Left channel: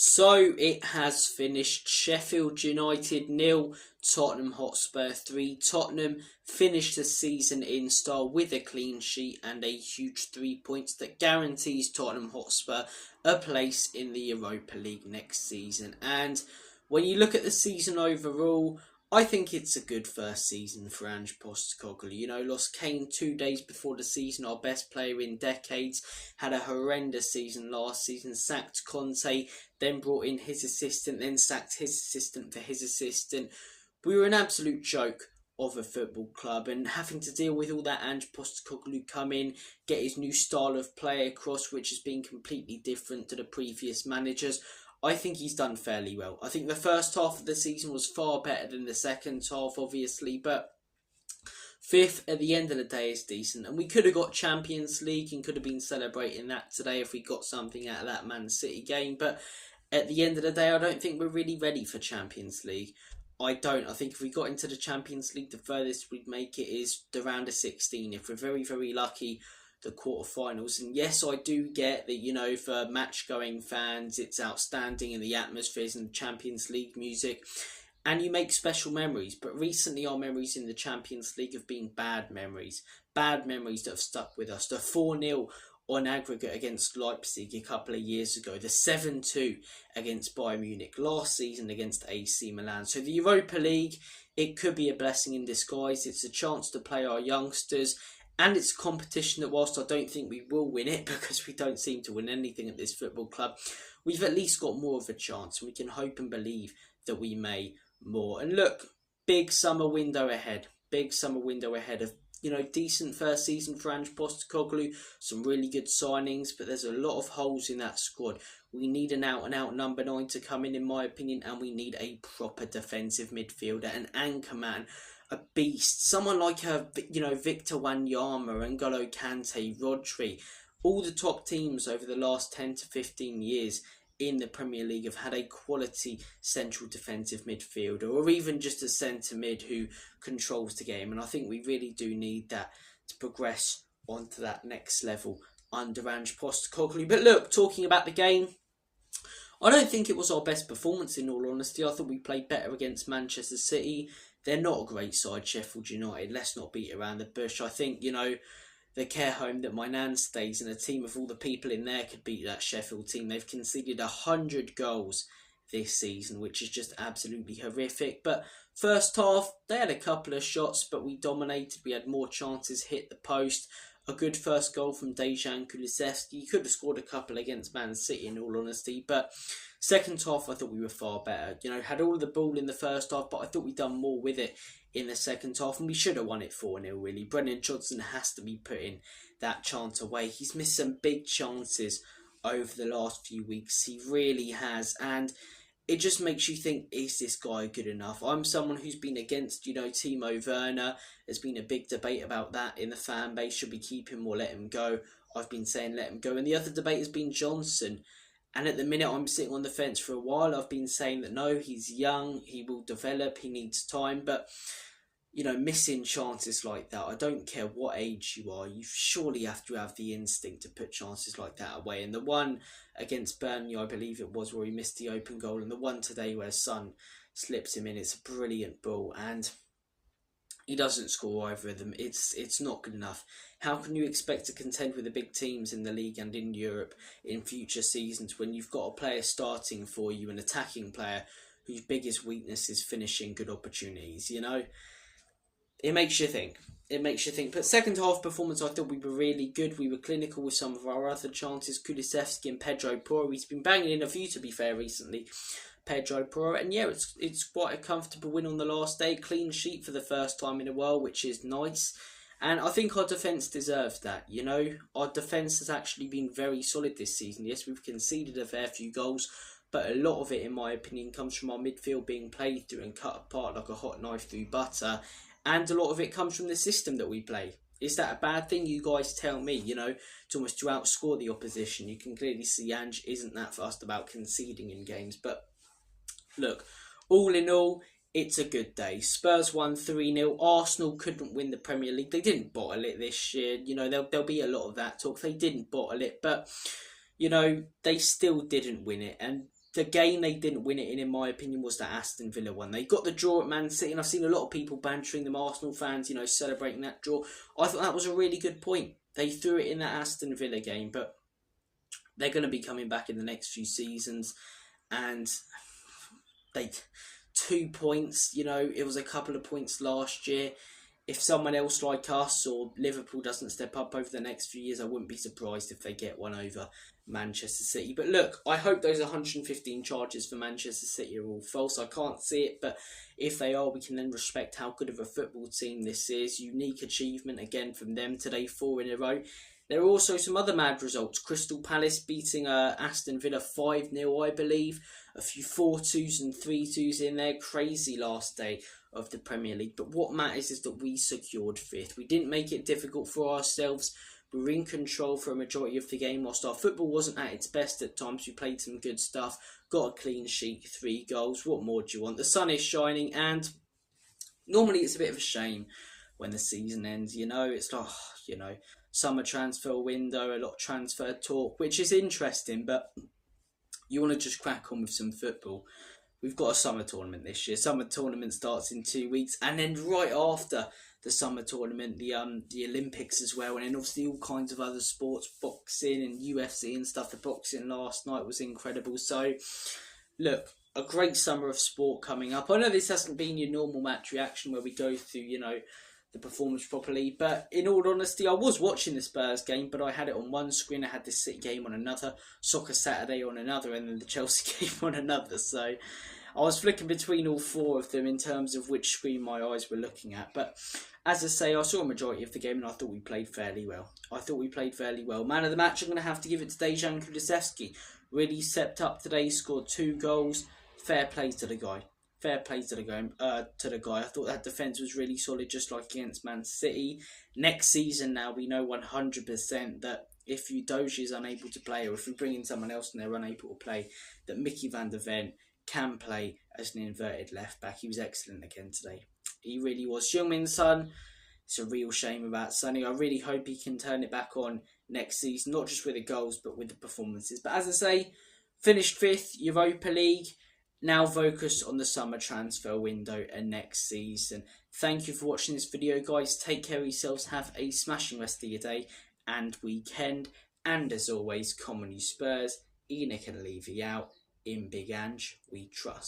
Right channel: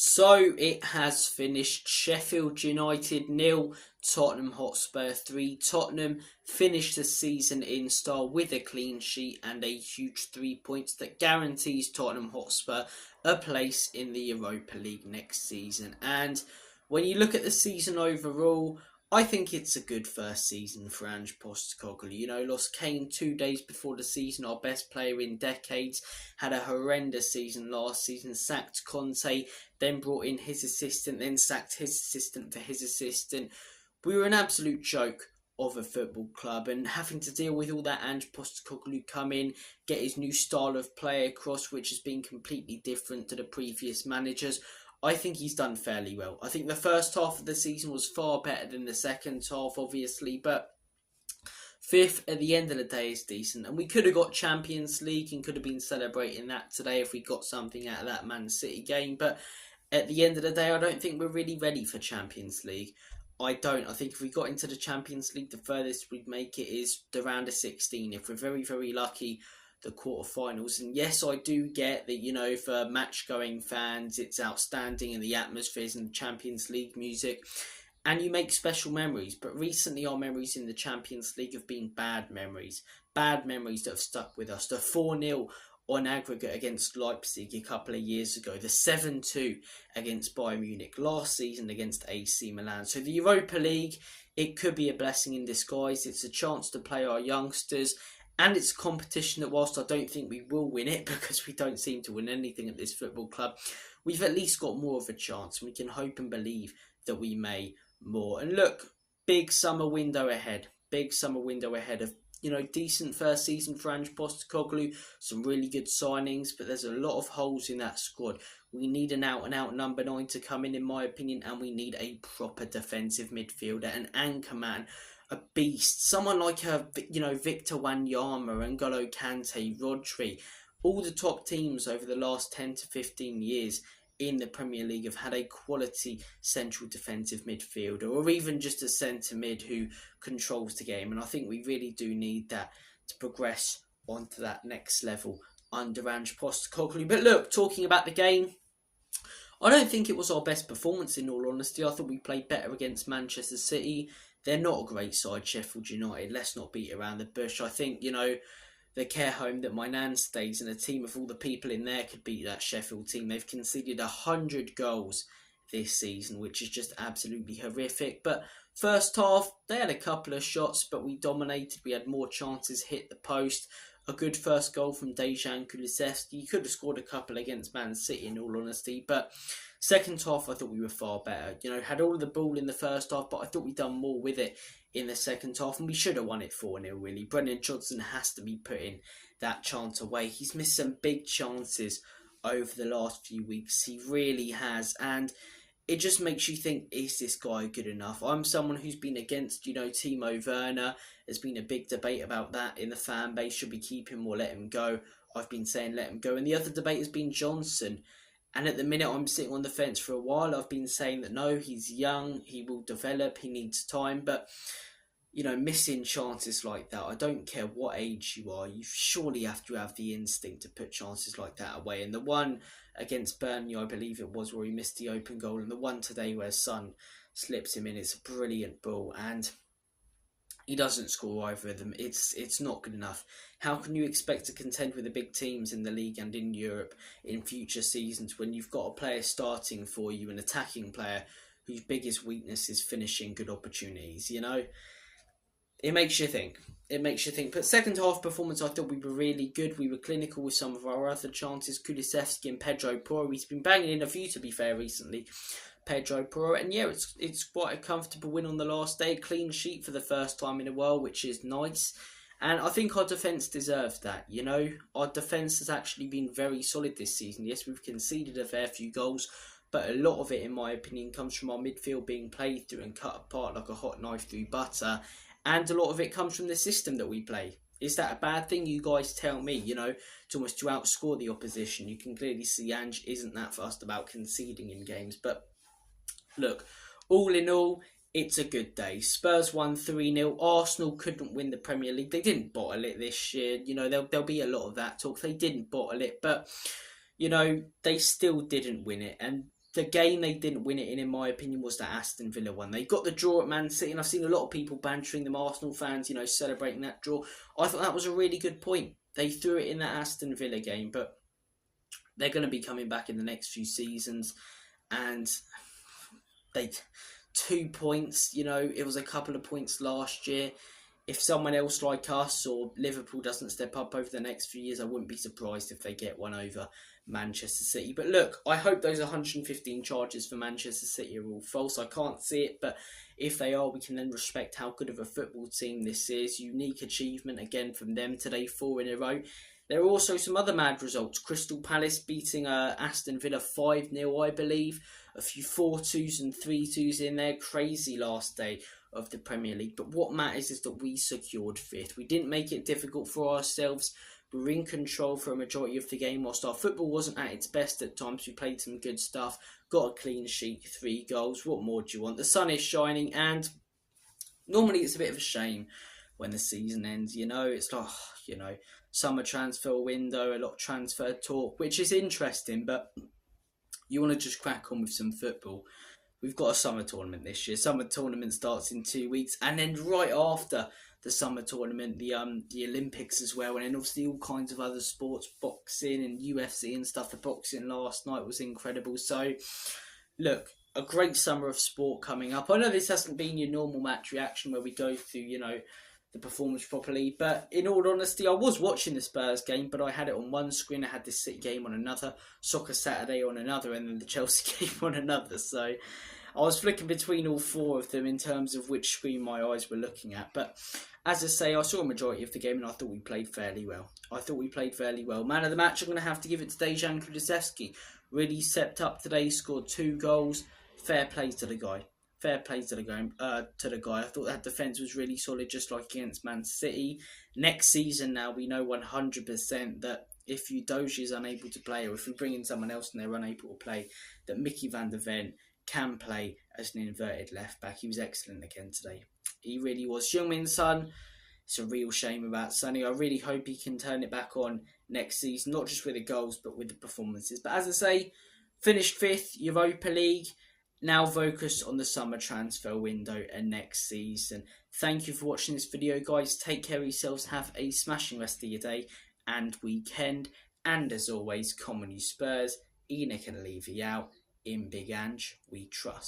So it has finished. Sheffield United 0, Tottenham Hotspur 3. Tottenham finished the season in style with a clean sheet and a huge 3 points that guarantees Tottenham Hotspur a place in the Europa League next season. And when you look at the season overall, I think it's a good first season for Ange Postecoglou. Lost Kane 2 days before the season, our best player in decades. Had a horrendous season last season, sacked Conte, then brought in his assistant, then sacked his assistant for his assistant. We were an absolute joke of a football club, and having to deal with all that, Ange Postecoglou come in, get his new style of play across, which has been completely different to the previous managers. I think he's done fairly well. I think the first half of the season was far better than the second half, obviously, but fifth at the end of the day is decent. And we could have got Champions League and could have been celebrating that today if we got something out of that Man City game. But at the end of the day, I don't think we're really ready for Champions League. I don't. I think if we got into the Champions League, the furthest we'd make it is the round of 16. If we're very, very lucky, the quarterfinals. And yes, I do get that, for match-going fans, it's outstanding and the atmospheres and the Champions League music. And you make special memories. But recently our memories in the Champions League have been bad memories. Bad memories that have stuck with us. The 4-0 on aggregate against Leipzig a couple of years ago. The 7-2 against Bayern Munich last season against AC Milan. So the Europa League, it could be a blessing in disguise. It's a chance to play our youngsters. And it's a competition that, whilst I don't think we will win it, because we don't seem to win anything at this football club, we've at least got more of a chance. We can hope and believe that we may more. And look, big summer window ahead. Big summer window ahead of, decent first season for Ange Postecoglou. Some really good signings, but there's a lot of holes in that squad. We need an out-and-out number 9 to come in my opinion, and we need a proper defensive midfielder, an anchor man, a beast, someone like Victor Wanyama, N'Golo Kante, Rodri. All the top teams over the last 10 to 15 years in the Premier League have had a quality central defensive midfielder, or even just a centre mid who controls the game. And I think we really do need that to progress onto that next level under Ange Postecoglou. But look, talking about the game, I don't think it was our best performance, in all honesty. I thought we played better against Manchester City. They're not a great side, Sheffield United. Let's not beat around the bush. I think, the care home that my nan stays in, a team of all the people in there could beat that Sheffield team. They've conceded 100 goals this season, which is just absolutely horrific. But first half, they had a couple of shots, but we dominated. We had more chances, hit the post. A good first goal from Dejan Kulusevski. You could have scored a couple against Man City, in all honesty, but second half I thought we were far better. Had all of the ball in the first half, but I thought we'd done more with it in the second half, and we should have won it 4-0 really. Brennan Johnson has to be putting that chance away. He's missed some big chances over the last few weeks. He really has, and it just makes you think, is this guy good enough? I'm someone who's been against, Timo Werner. There's been a big debate about that in the fan base. Should we keep him or let him go? I've been saying let him go. And the other debate has been Johnson. And at the minute, I'm sitting on the fence for a while. I've been saying that no, he's young, he will develop, he needs time. But, missing chances like that, I don't care what age you are, you surely have to have the instinct to put chances like that away. And the one against Burnley, I believe it was, where he missed the open goal, and the one today where Son slips him in, it's a brilliant ball, and he doesn't score either of them. It's not good enough. How can you expect to contend with the big teams in the league and in Europe in future seasons when you've got a player starting for you, an attacking player whose biggest weakness is finishing good opportunities, It makes you think. But second half performance, I thought we were really good. We were clinical with some of our other chances. Kulusevski and Pedro Porro. He's been banging in a few, to be fair, recently. Pedro Porro. And yeah, it's quite a comfortable win on the last day. Clean sheet for the first time in a while, which is nice. And I think our defence deserved that, Our defence has actually been very solid this season. Yes, we've conceded a fair few goals, but a lot of it, in my opinion, comes from our midfield being played through and cut apart like a hot knife through butter. And a lot of it comes from the system that we play. Is that a bad thing? You guys tell me, to almost to outscore the opposition. You can clearly see Ange isn't that fussed about conceding in games. But look, all in all, it's a good day. Spurs won 3-0. Arsenal couldn't win the Premier League. They didn't bottle it this year. There'll be a lot of that talk. They didn't bottle it, but, they still didn't win it. And the game they didn't win it in my opinion, was the Aston Villa one. They got the draw at Man City, and I've seen a lot of people bantering them, Arsenal fans, celebrating that draw. I thought that was a really good point. They threw it in that Aston Villa game, but they're going to be coming back in the next few seasons, and 2 points, it was a couple of points last year. If someone else like us or Liverpool doesn't step up over the next few years, I wouldn't be surprised if they get one over Manchester City. But look, I hope those 115 charges for Manchester City are all false. I can't see it, but if they are, we can then respect how good of a football team this is. Unique achievement again from them today, 4 in a row. There are also some other mad results. Crystal Palace beating Aston Villa 5-0, I believe. A few 4-2s and 3-2s in there. Crazy last day of the Premier League. But what matters is that we secured 5th. We didn't make it difficult for ourselves. We were in control for a majority of the game. Whilst our football wasn't at its best at times, we played some good stuff. Got a clean sheet, 3 goals. What more do you want? The sun is shining, and normally it's a bit of a shame when the season ends. It's like, summer transfer window, a lot of transfer talk, which is interesting, but you want to just crack on with some football. We've got a summer tournament this year. Summer tournament starts in 2 weeks, and then right after the summer tournament, the Olympics as well, and then obviously all kinds of other sports, boxing and UFC and stuff. The boxing last night was incredible. So, look, a great summer of sport coming up. I know this hasn't been your normal match reaction where we go through, the performance properly, but in all honesty, I was watching the Spurs game, but I had it on one screen. I had the City game on another, Soccer Saturday on another, and then the Chelsea game on another. So I was flicking between all 4 of them in terms of which screen my eyes were looking at. But as I say, I saw a majority of the game, and I thought we played fairly well. Man of the match, I'm going to have to give it to Dejan Kulusevski. Really stepped up today, scored 2 goals. Fair play to the guy. I thought that defence was really solid, just like against Man City. Next season now, we know 100% that if Udogie is unable to play, or if we bring in someone else and they're unable to play, that Mickey van der Ven can play as an inverted left back. He was excellent again today. He really was. Heung-min Son, it's a real shame about Sonny. I really hope he can turn it back on next season, not just with the goals, but with the performances. But as I say, finished 5th, Europa League. Now focus on the summer transfer window and next season. Thank you for watching this video, guys. Take care of yourselves. Have a smashing rest of your day and weekend. And as always, come on you Spurs. Enoch and Levy out. In Big Ange, we trust.